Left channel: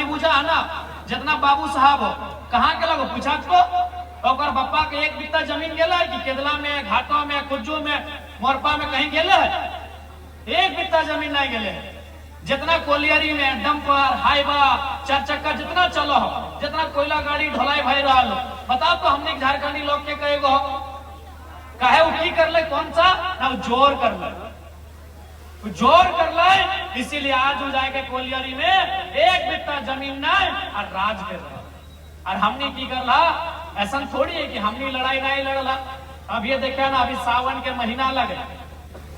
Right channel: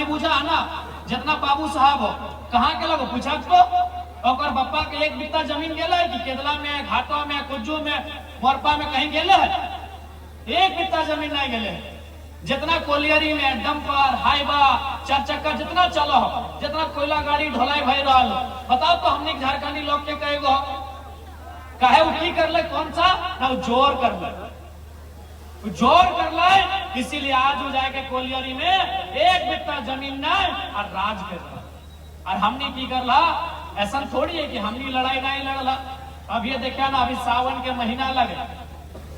हमने पूछा है ना, जितना बाबू साहब हो कहाँ के लोग पूछा तो और बप्पा के एक बित्ता जमीन गेला है कि केदला में, घाटों में, कुज्जू में, मोरपा में कहीं गेले है? एक बित्ता जमीन नहीं गेले। जितना कोलियरी में डंपर, हाईवा, चार चक्का जितना चलो हो, जितना कोयला गाड़ी ढोलाई भाई रहा लो, बताओ तो हमने झारखंडी लोग के कहे कहे वो की कर ले, कौन सा ना जोर कर ले, जोर कर ले। इसीलिए आज हो जाएगा कोलियरी में एक बित्ता जमीन नहीं और राज कर रहा। और हमने की कर ला, ऐसा थोड़ी है कि हमने लड़ाई नहीं लड़ला। अब ये देखा ना, अभी सावन के महीना लगे,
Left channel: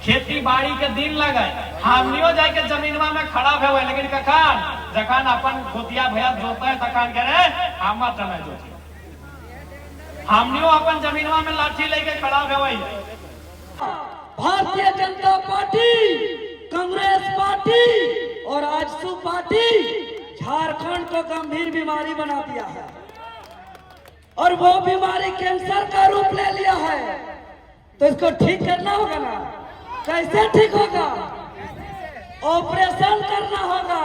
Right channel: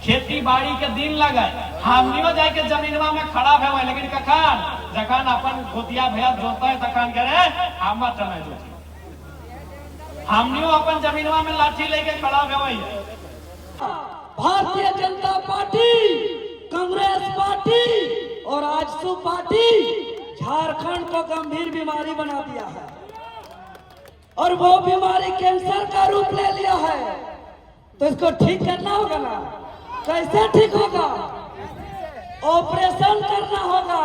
खेती बाड़ी के दिन लगे, हमनियो जाके जमीनवा में खड़ा हुए, लेकिन कखान जखान अपन गोतिया भैया जोता है तखान कह रहे हम चला जोती, हमनियो अपन जमीनवा में लाठी लेके खड़ा हुए। भारतीय जनता पार्टी, कांग्रेस पार्टी और आजसू पार्टी झारखंड को गंभीर बीमारी बना दिया है और वो बीमारी कैंसर का रूप ले लिया है। तो इसको ठीक करना होगा ना। कैसे ठीक होगा? ऑपरेशन करना होगा,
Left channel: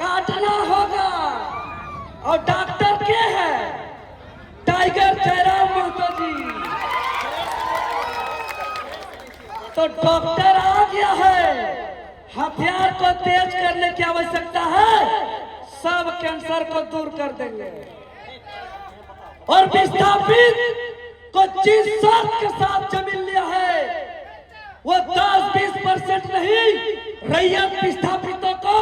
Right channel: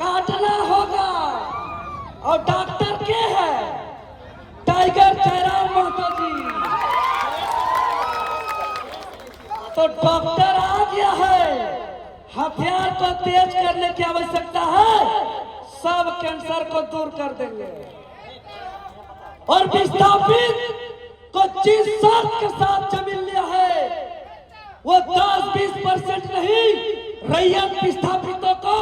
काटना होगा। और डॉक्टर क्या है? टाइगर जयराम महतो जी। तो डॉक्टर आ गया है, हथियार को तेज करने की आवश्यकता है, सब कैंसर को दूर कर देंगे। और विस्थापित को जिस शर्त के साथ जमीन लिया है वो 10-20% नहीं, रैयत विस्थापितों को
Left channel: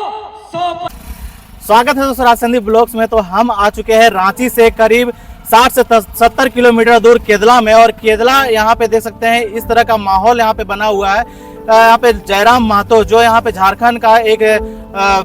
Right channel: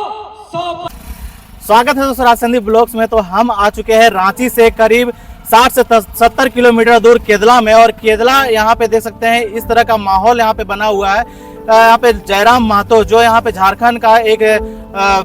100%। स्वागत है दोस्तों राजसंदीप ब्लॉग्स में। तो हम आ चुके हैं रांची से करीब 60 से 70 किलोमीटर दूर केदला में। और केदला यहाँ पे देख सकते हैं इस तरह का माहौल यहाँ पे बना हुआ है। यहाँ पे जयराम महतो जो यहाँ पे झारखंड का एक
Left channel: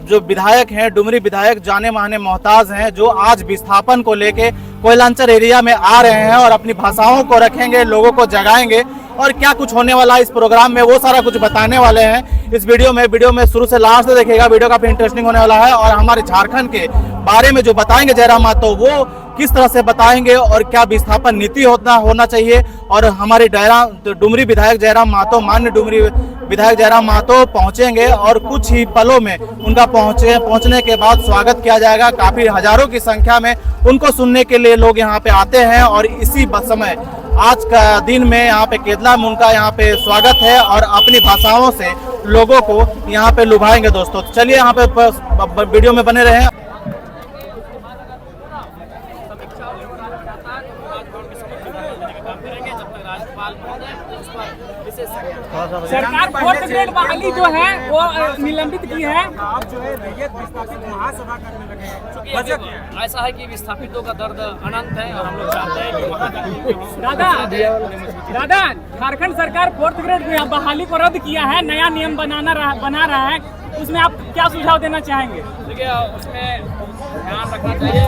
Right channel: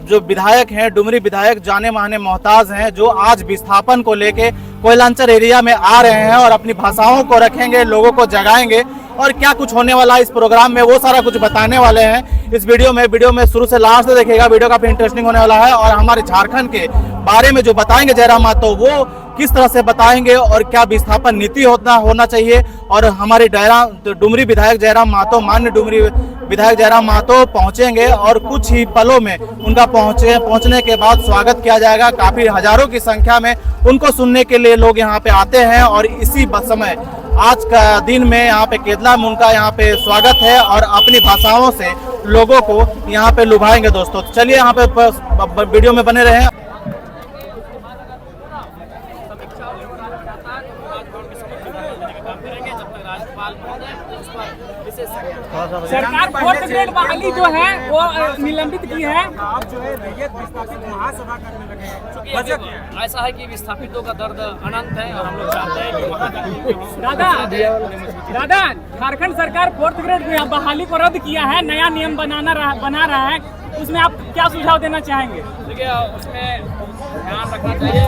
जो विधायक हैं, डुमरी विधायक, जाने माने मोहताज हैं, जो आज विस्थापन को लेके कोयलांचल एरिया में आ रहे हैं और अपनी भाषाओं को रखेंगे, लोगों को जगाएंगे और क्या कुछ होने वाला है इस प्रोग्राम में वो सारा कुछ बताने वाले हैं इस वीडियो में शुरू से लास्ट तक देखिएगा। वीडियो काफी इंटरेस्टिंग होने वाला है और हमारे झारखंड के बारे में जो बताएंगे जयराम महतो, वो किस तरह से बताएंगे और क्या विस्थापन नीति होना चाहिए। और हमारे डुमरी विधायक जयराम महतो, माननीय डुमरी विधायक जयराम महतो पहुंचेंगे और कुछ ही पलों में उनका पहुंचने के बाद स्वागत किया जाएगा। काफी हजारों की संख्या में उनको सुनने के लिए लोग यहाँ पे आते हैं और इसी समय आज का दिन में यहाँ पे केदला में उनका यहाँ पे स्वागत है और अपनी भाषाओं से लोगों को यहाँ पे लुभाएंगे। दोस्तों चलिए यहाँ पे वीडियो में बने रहे। सरकार फोर्थ ग्रेड बहाली जो है वो निलंबित की है। आप जो है रैयत विस्थापित महासभा करने लगे हैं। बजट ऐसा है कि विस्थापितों का दर्द अनंत है और हम लोग चाहते हैं कि वहाँ दादा झारखंड सरकार फोर्थ ग्रेड बहाली को रद्द किया है, नया नियम बना रहा है, उसमें आप क्या सुझाव देना चाहेंगे? देखिए उसमें ध्यान रखना चाहिए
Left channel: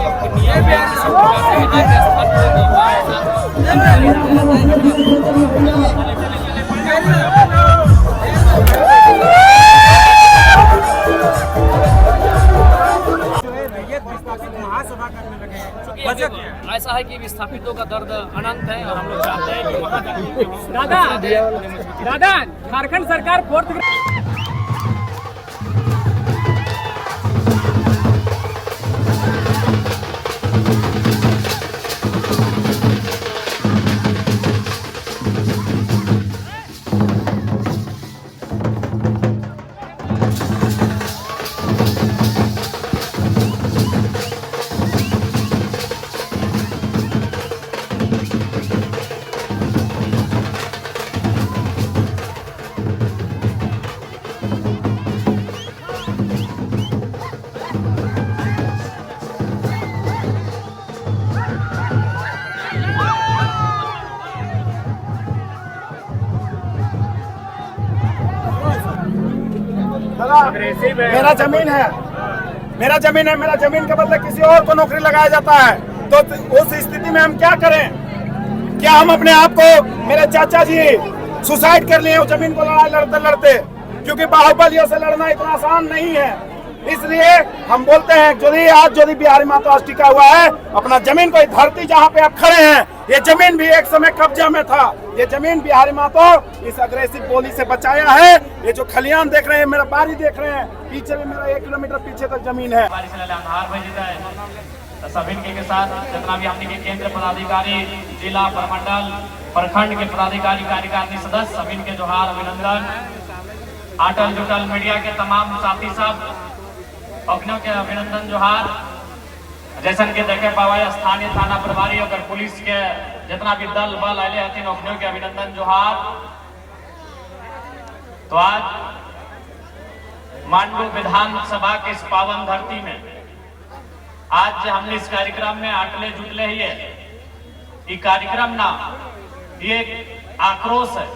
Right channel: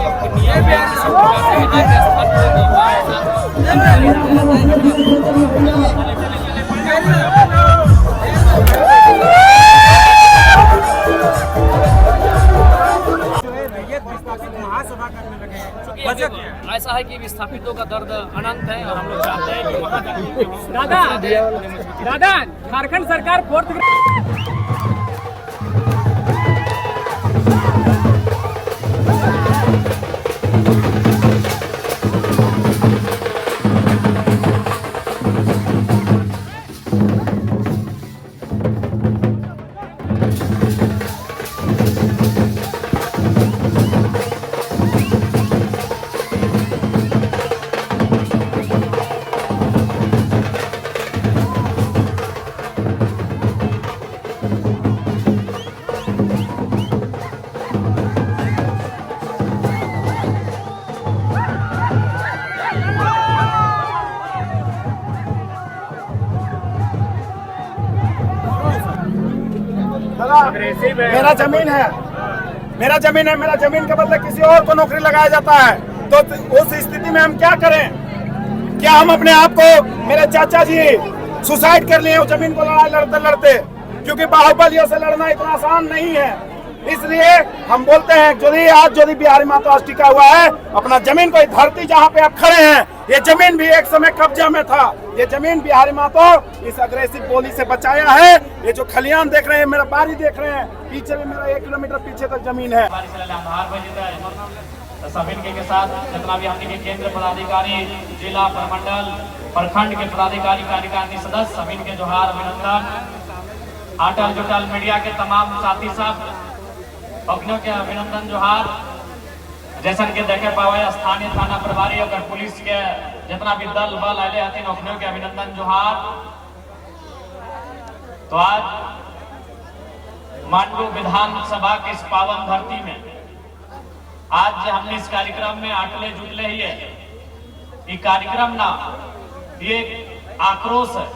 कि महासभा करने लगे हैं। बजट ऐसा है कि विस्थापितों का दर्द अनंत है और हम लोग चाहते हैं कि वहाँ दादा झारखंड सरकार फोर्थ ग्रेड मेरा जमीन है, मेरा जमीन के बदले किसी और को नौकरी लगाया जाता है, तो उस स्थिति में हम क्या करें? क्या हम अपने आप को, मेरे चाचा जी सुसाइड कर लिए जमीन को लड़ाई लड़ते, क्योंकि बाहुबलियों से लड़ना इतना आसान नहीं है। इसलिए हम बोलते हैं जो बिहारी महतो आज टिका हुआ है अपना जमीन को, धरती जहाँ पे आप खड़े हैं, ये जमीन भी एक समय कब्जा में था, ये जमीन बिहारी महतो इस अग्रेसिव बोली से बचाया है। ये जो खलियान देख रहे हैं, मेरा बारी देख रहे हैं, पीछे में मेरा 1 किलोमीटर पीछे तक जमीन है। सभी के साथ जितना भी हमने के केंद्र पदाधिकारी, जिला प्रमंडल, प्रखंड के पदाधिकारी, कार्यकारिणी सदस्य, सभी के जोहार, अभिनंदन। अटल जुटल मीडिया के तमाम साथी सब अपनों के अभिनंदन जोहार। जैसन के देखे पावे स्थानीय थाना प्रभारी और पुलिस के जितना भी दल बल आए हथिन अपनों के अभिनंदन जोहार। तो आज माननीय विधानसभा के इस पावन धरती में आज हमने इस कार्यक्रम में आटले जुटले ही है। ये कार्यक्रम ना ये आक्रोश है,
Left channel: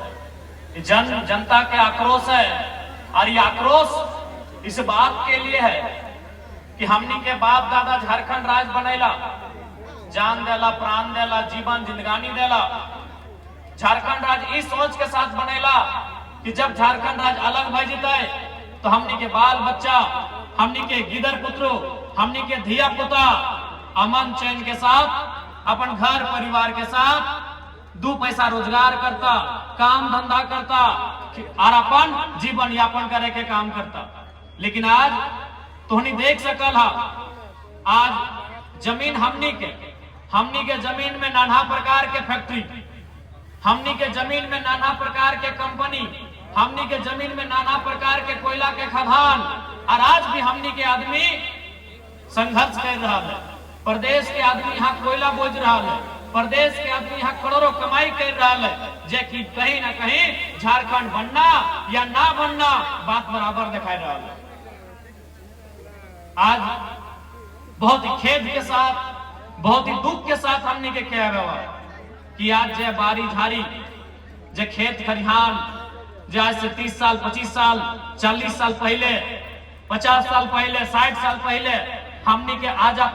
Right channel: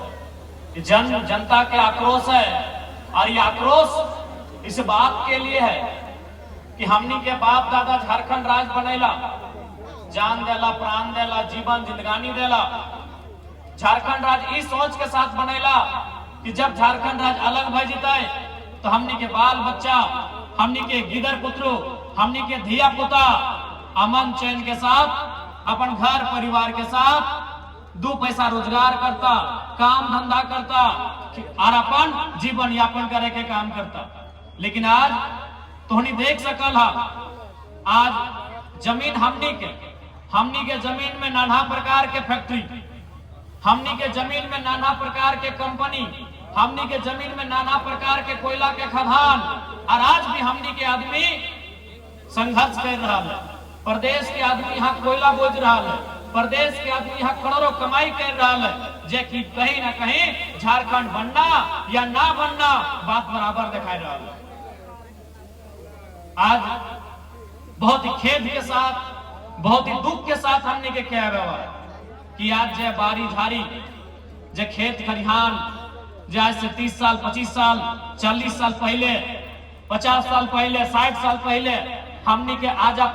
जनता के आक्रोश है। और ये आक्रोश इस बात के लिए है कि हमनी के बाप दादा झारखंड राज बनेला, जान देला, प्राण देला, जीवन जिंदगानी देला। झारखंड राज इस सोच के साथ बनेला कि जब झारखंड राज अलग भय जीते तो हमनी के बाल बच्चा, हमनी के गिदर पुत्रो, हमनी के धिया पुता अमन चैन के साथ अपन घर परिवार के साथ 2 पैसा रोजगार करता, काम धंधा करता और अपन जीवन यापन करे के काम करता। लेकिन आज तोहनी देख सकल है, आज जमीन हमनी के जमीन में नाना प्रकार के फैक्ट्री, हमनी के जमीन में नाना प्रकार के कंपनी, हमनी के जमीन में नाना प्रकार के कोयला के खदान। और आज भी हमनी के आदमी संघर्ष कर रहा है। प्रदेश के आदमी यहाँ कोयला बोझ रहा है, प्रदेश के आदमी यहाँ करोड़ों कमाई कर रहा है, जे कि कहीं ना कहीं झारखंड बनना या ना बनना बात बराबर दिखाई रहा है। आज बहुत ही खेद के साथ, बहुत ही दुख के साथ हमने के कह रहा कि आज जे बारी झारी, जे खेत खरिहान, जे आज से 30 साल, 25 साल, 40 साल पहले, 50 साल पहले, 60 साल पहले हमनी के आजा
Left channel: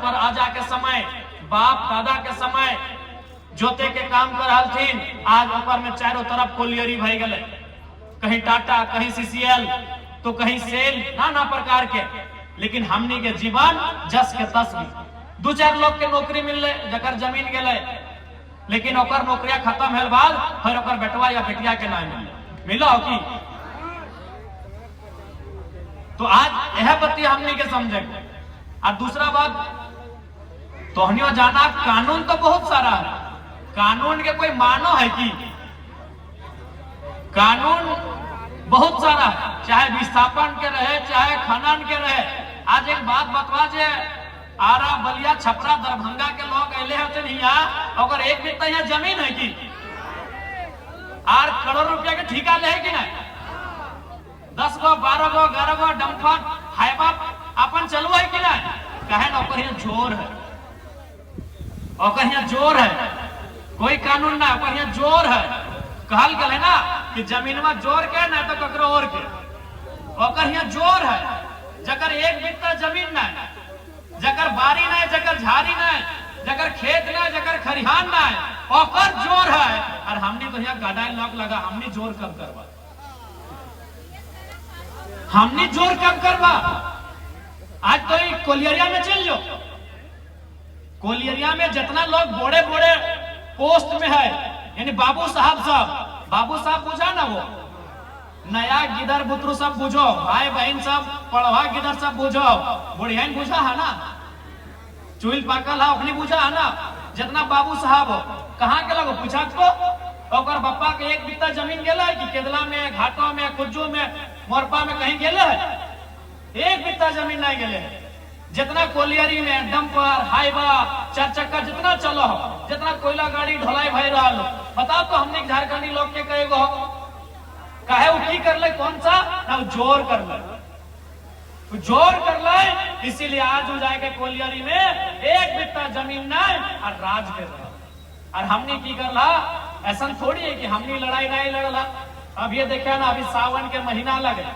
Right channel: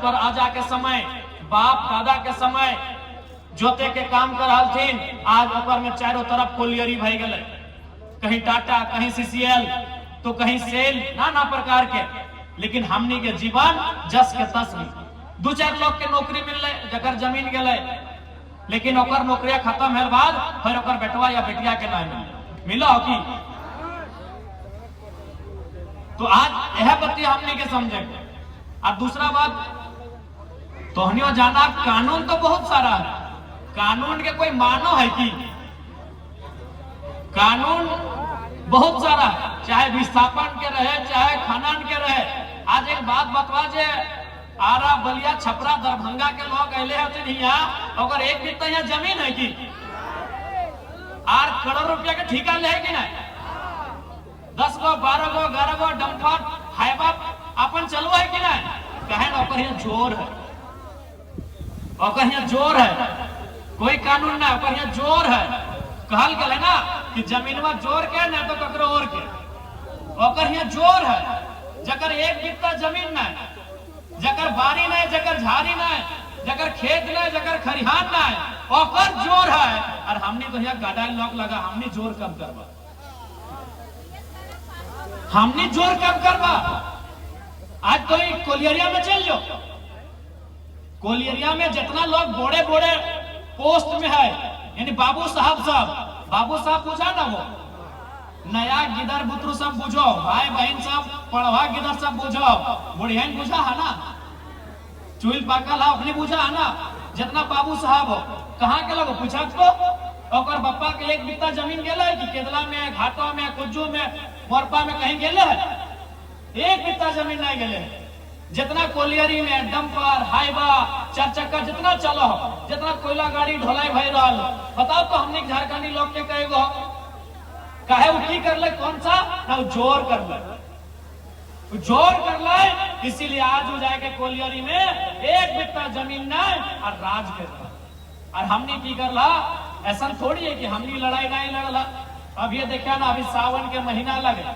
के समय, बाप दादा के समय जोते के काम कर हलथिन, आज ओकर में चारों तरफ कोलियरी भई गए। कहीं टाटा, कहीं सीसीएल, तो कहीं सेल, नाना प्रकार के। लेकिन हमनी के जीवन जस के तस भी 2-4 लोग के नौकरी मिलले, जकर जमीन गए, लेकिन ओकर नौकरिया खत्म होल बाद फिर ओकर बेटवा या बेटिया के ना मिला हो की। तो आज यह बत्ती हमने के समझेंगे। और दूसरा बात, तोहनियों जाना कानून तो बहुत सारा है, कानून के कोई मानो है कि कानून बहुत सारा है, चाहे विस्थापन के रहे, चाहे खनन के रहे। आज एक बात बतवा, जे आरा, बलिया, छपरा, दरभंगा के लोग अले होते यहाँ, अगर एक बित्ता यहाँ जमीन है कि 8 करोड़ रुपया के ठेका ले है कि नहीं? 10 गो, 12 गो, 11 गो डंपर हाईवा अपन चलू है कि नहीं? कहे ना ओकर यहाँ जोर है, ओकर यहाँ जोर है, कोई कानून ना, ओकर यहाँ जोर है। कहल गए ना कि जमीन में जोर के ना तो ककरो और के, ओकर यहाँ जोर है। जकर एक बित्ता जमीन ना, जकर बारी नहीं, जकर झाड़ी नहीं, जकर खेत नहीं, जकर खरिहान ना, ओकर जोर है। और हमने तो यहाँ गाडाई लॉक लगा, हमने जोर कम करवा, हमने जोर कम करवा। आज तो कोलियरिया में चल जाओ, कोलियरिया में जितना लोग बड़े बड़े पोस्ट में है, यानी बाबू साहब बुझा ना, वो नया गिदर बुतरू सब बुझो, भाई बहन सब, पढ़वा गिदर सब बुझो, बुढ़िया बुझा है ना, चुल पाकल है अपनी बुझा है ना। जितना बाबू साहब कहाँ के लोग पूछा तो और बप्पा के 1 बित्ता जमीन गेला है कि केदला में, घाटों में, कुज्जू में, मोरपा में कहीं गेले है? 1 बित्ता जमीन नहीं गेले। जितना कोलियरी में डंपर, हाईवा, 4 चक्का जितना चलो, जितना कोयला गाड़ी ढोलाई भई रहा, बताओ तो हमने झारखंडी लोग के कहेगो कहे वो की कर ले, कौन सा ना जोर कर ले, जोर कर ले। इसीलिए आज हो जाएगा कोलियरी में 1 बित्ता जमीन नहीं और राज कर रहा। और हमने की कर ला, ऐसा थोड़ी है कि हमने लड़ाई नहीं लड़ला। अब ये देखा ना, अभी सावन के महीना लगे,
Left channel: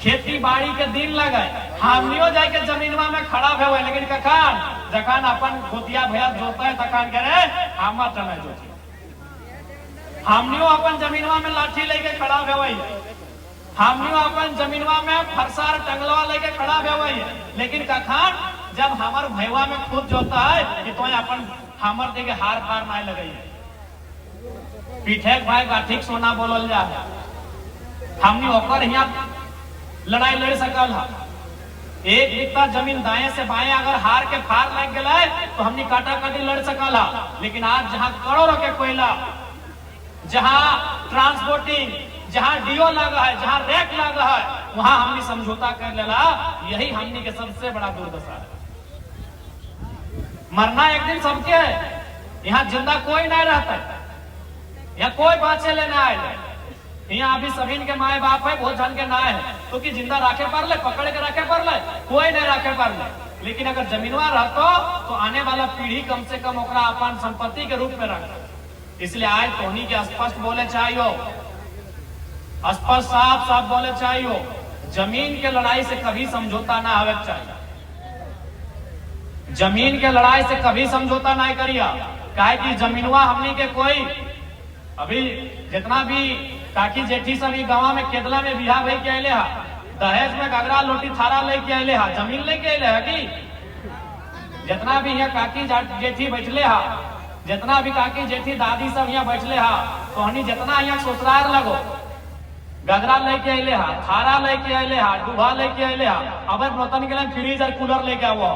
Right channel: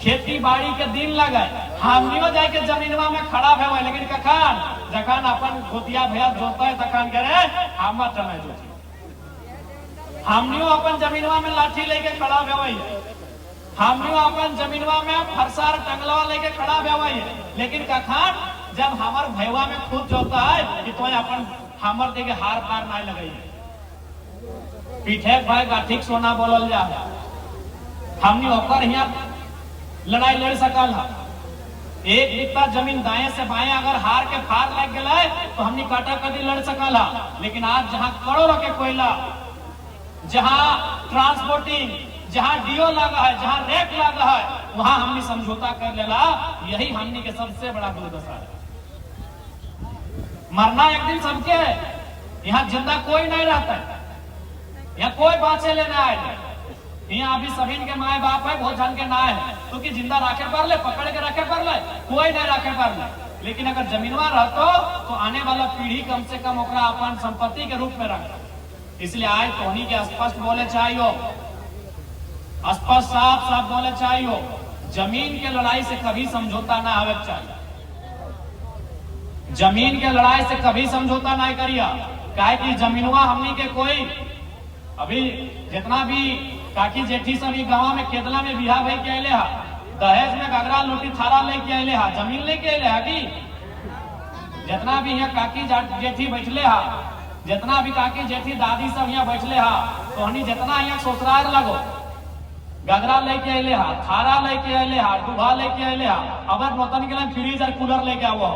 खेती बाड़ी के दिन लगे, हमनियो जाए के जमीनवा में खड़ा हुए, लेकिन कखान जखान अपन गोतिया भैया जोता है तखान के रहे हम चला जोती, हमनियो अपन जमीनवा में लाठी लेके खड़ा हुए, हमनियो अपन जमीनवा में फरसार टंगलवा लेके खड़ा हुए। लेकिन कखान जब हमार भैया में खुद जोता है कि तो अपन हमर देके हार पार नहीं लगे, पीठे भाई गाठिक सोना बोलल जा, हमनी ओकर यहाँ लड़ाई लड़ सकल है। एक बित्ता जमीन दाएं से बाएं अगर हार के फार लग गए तो हमनी काटा काटी लड़ सकल है। लेकिन आज जहाँ करोड़ों के कोयला, जहाँ ट्रांसपोर्टिंग, जहाँ डीओ लगा है, जहाँ रेट लगा है, वहां हमनी समझौता कर लेला। यही हमनी के सबसे बड़ा दुर्दशा है। मरना एक दिन सबके है, यहाँ जिंदा कोई नहीं रहता है, यहाँ कोई बाचे लेना आए। यहाँ अभी सभी के माए बाप है, बहुत जन के ना है, क्योंकि जिंदा रखे पर ले, पकड़ के रखे पर ले, कोई नहीं रखे पर ले। लेकिन अगर जमीनवा रहतो तो आने वाला पीढ़ी कम से कम ओकरा अपन संपत्ति के रूप में रख। इसलिए आज तोहनी के स्पष्ट बोले चाहिए, स्पष्ट साफ साफ बोले चाहिए, जमीन के लड़ाई से कभी समझौता ना होना चाहिए। जमीन के लड़ाई से कभी समझौता नहीं करिया, काहे कि जमीनवा हमनी के कोई अभी जितना भी काकी जेठी सभी गांव में केदला में बिहार भाई के अले है, दहेज में गगरा लोटी थारा लेके अले है, जमीन लेके अले है कि जितना भी यहाँ काकी जेठी बैठले है, जितना भी काकी जेठी दादी सब यहाँ बैठले है, तो हनी जितना यहाँ ससुराल लगो गगरा लेके अले है, थारा लेके अले है, डूबा लेके अले है, अब नौतन के लिए फ्रीज और कूलर लेके आओ,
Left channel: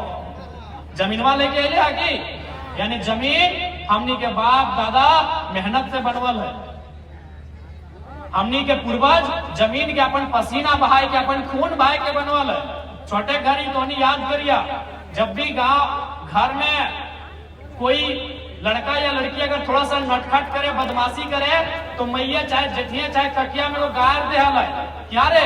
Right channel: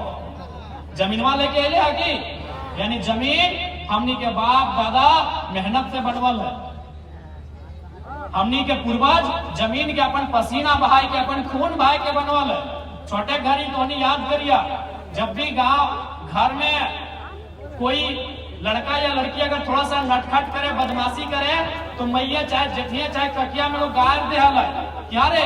जमीनवा लेके अले है कि यानी जमीन हमनी के बाप दादा मेहनत से बनवल है। हमनी के पूर्वज जमीन के अपन पसीना बहाय के, अपन खून बहाय के बनवल है। छोटे घड़ी तो नहीं याद करिया, जब भी गांव घर में कोई लड़का या लड़की अगर थोड़ा सा नटखट करे, बदमाशी करे, तो मैया चाहे जेठिया चाहे ककिया में वो गायर दे हल क्या रे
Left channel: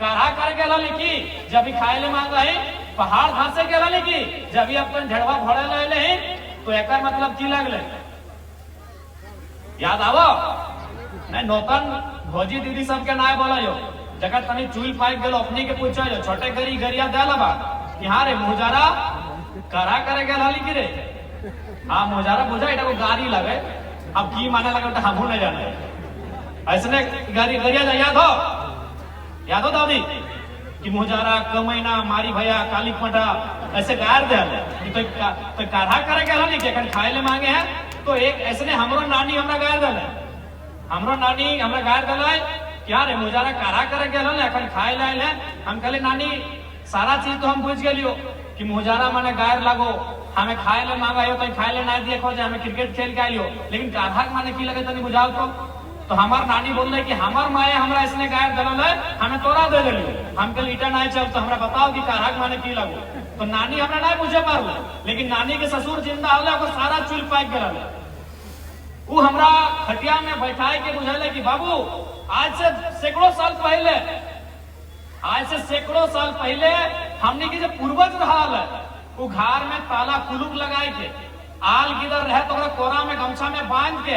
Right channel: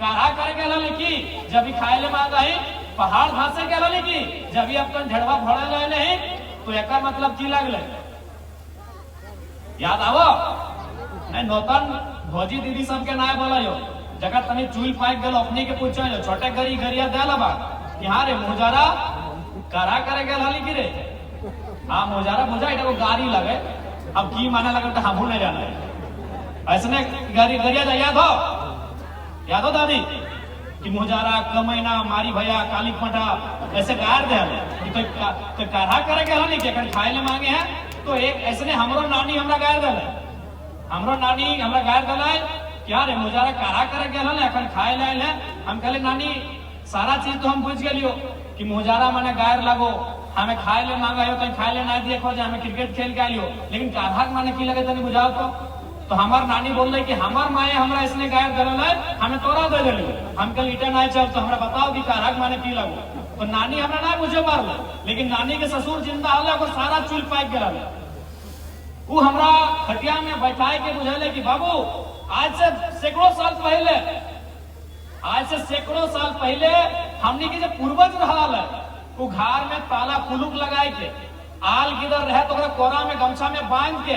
काढ़ा कर गेला लिखी, जब भी खाए ले मांगा है, पहाड़ घासे गेला लिखी, जब भी अपन झड़वा भोड़े ले ही, तो एक मतलब की लगले याद आवो नहीं। नौतन भोजी दीदी सबके नाय बोला यो, जगह तनी चूल फाइक गलो अपनी के पूछो जो छोटे गरी गरिया देला बा कि हाँ रे मुजारा करा करे गेल हली की रे, हाँ मुजारा बुझा इटा को गाड़ी लगे, अब की माने लगे तो हमहू नहीं जाने। ऐसने गरी गरिया याद हो दादी कि मुजारा कमैना मारी भैया काली पटा ऐसे गायर दे तो काढ़ा करे गेल नहीं के खाए ले मांगे हैं, तो एक ऐसने हमरो नानी हमरा गायर दे, हमरो नानी हमरा गायर दे क्या रे मुजारा काढ़ा करे गेल अखन खाए ले। हम कहले नानी सारा चीज तो हम बुझ गेलियो कि मुजारा माने गायर लागो, हमें खाए ले मांगा हो तो खाए ले ना दिए खोजे, हमें क्रिकेट खेल के आइयो, लेकिन काढ़ा माने की लगे तनी बुझाओ तो हमार नानी बोल रहे कि हमार माए हमरा इसने गायर दल है, हमें तोरा दे दिलियो। हम कल ईटा नहीं चल तो हमरा बताओ कि काढ़ा माने की लगो, तो नानी हमरा ना बुझे पारले, लेकिन नानी के ससुर जिंदा हले वो सारा चूल पाइक गए, वो हमरा खटिया में बैठाए के बुझेले कि बाबू आज से सैकड़ों साल पहले हमनी के जो पूर्वज रहल है, वो घर में ताला कुलुक लगाए के आल गिदर रहे तो कोरा में गमछा में बांध के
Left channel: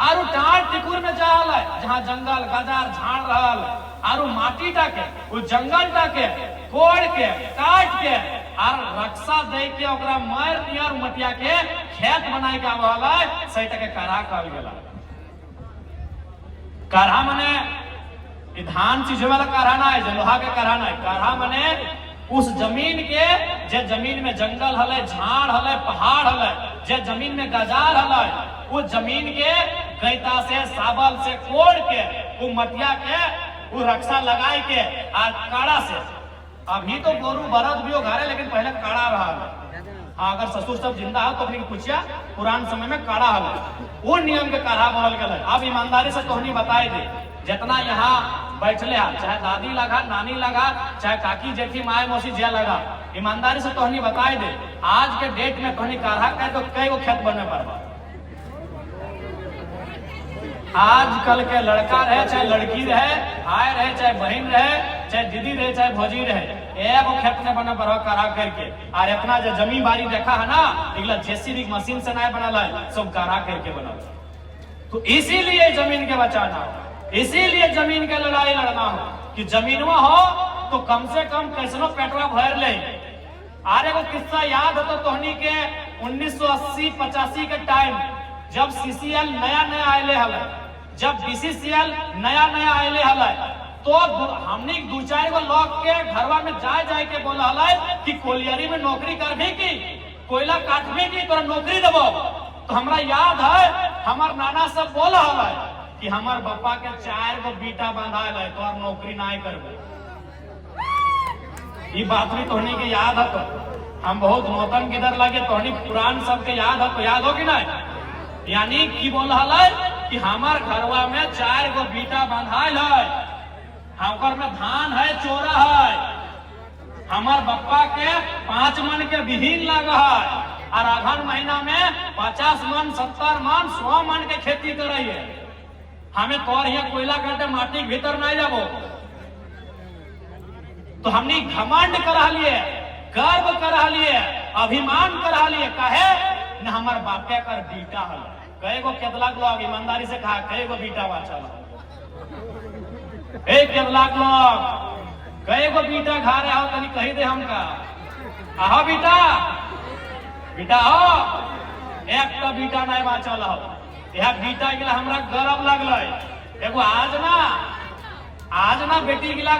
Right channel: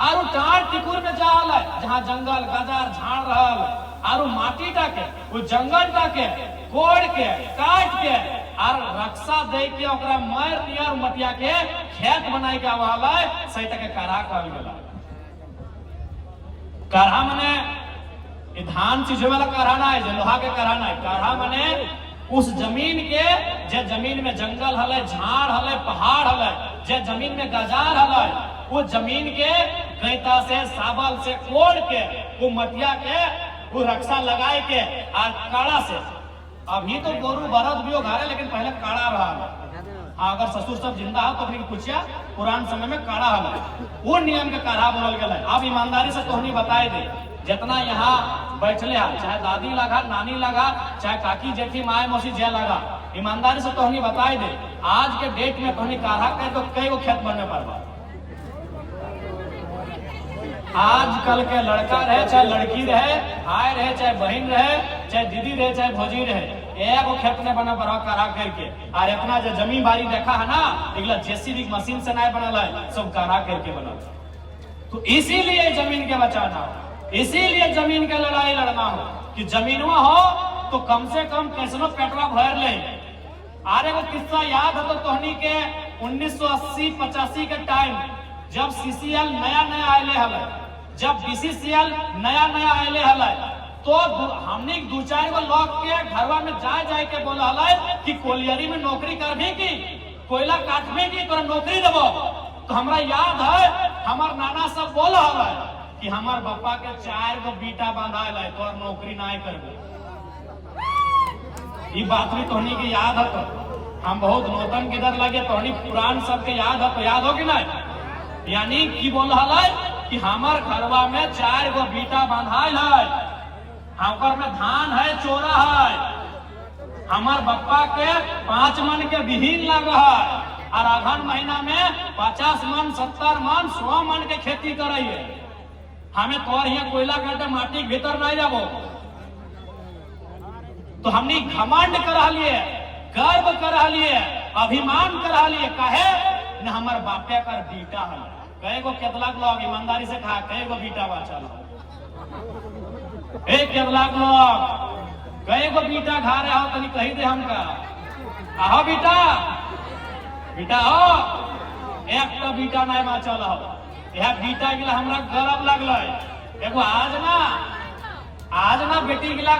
आरु टाट टिकुर में जाल है, जहाँ जंगल गजार झाड़ रहल आरु माटी टाके वो जंगल टाके कोड़ के काट के और रक्षा दे के ओकरा मार दिया मटिया के खेत बनाए के आवला सही तक काढ़ा कहल गेला। काढ़ा मने धान चीज वाला काढ़ा ना है, लोहा के काढ़ा ना है, काढ़ा मने उस जमीन के जे जमीन में जंगल हले, झाड़ हले, पहाड़ हले, जे जमीन में गजार हले, वो जमीन के गैता से साबल से कोड़ के वो मटिया के वो रक्षा लगाए के और काढ़ा से। अभी तो गोरू बरद भी हो घरे, लेकिन पहले काढ़ा रहा। हाँ, अगर ससुर सब जिंदा हो तो अपनी पूछिया पुरान समय में काढ़ा हले, वो नियम के काढ़ा बोल गए। आप ईमानदारी से तोहनी बताए दे, जितना यहाँ बैठले चाहे दादी लगा, नानी लगा, चाहे काकी जेठी माए मौसी जे लगा, ईमानदारी से तोहनी बताए दे, आज के डेट में तोहनी काढ़ा का तो कई गो खेत बने पर आजकल के लड़का रहे चाहे लड़की रहे, भाई रहे चाहे बहन रहे, चाहे दीदी रहे चाहे भौजी रहे, एगो खेत में बने पर काढ़ा करके। और इतना जो जमीन बाड़ी देखा है ना, एकला जेसीबी मशीन से नहीं बनल है, सब काढ़ा करके बनल। तो इसीलिए जमीन के बचाना, इसीलिए जमीन के लड़ाई लड़ना हो कि जमीनवा हो तो कम से कम कैसनो पेट्रा भर ले। आरे को किस्सा याद हो तो तोहनी के 1980-85 के टाइम जब सीसीएल नया आयले हले, जब बीसीसीएल नया आयले हले, तो हमने दू चार गो लोग के घरवा में जाए के बोला हले कि कोलियरी में नौकरी करबी की, कोयला काटबी की, तोरा नौकरी देबो। तो हमरा याद है हमार नाना सब बोल है कि हमार पापा के 4 गो बेटा बांधाल है तो नौकरी ना करबे। ये बात भी तोहनी के याद है तो हम बहुत नौतन के दर लगे तोहनी पुरान सबके याद है तो याद हो कि नहीं? यानी की बोल है कि हमार घरवा में 4 गो बेटा बांधाल है, हमार में धान है चोरा है, हमार बप्पा के 5 मन के विहीन लग है और अगहन महीना में 50 मन 70 मन 100 मन के खेती करे है। हमें तोर यहाँ कोयला काटे माटी के भीतर नहीं जाबो तो हमने घमंड करा लिए, गर्व करा लिए, अभिमान करा लिए, कहे न हमार बापे कर बेटा है। कई गो केतला लोग ईमानदारी से कहा कई गो बेटा बा चला एक केतला लोग कई गो बेटा खा रहे हो तनी कही दे हमका आहो बेटा बेटा हो एक तो बेटा नहीं बाचल हो यह बेटा गिला हमरा गर्व लगल एगो आज ना बेटी गिला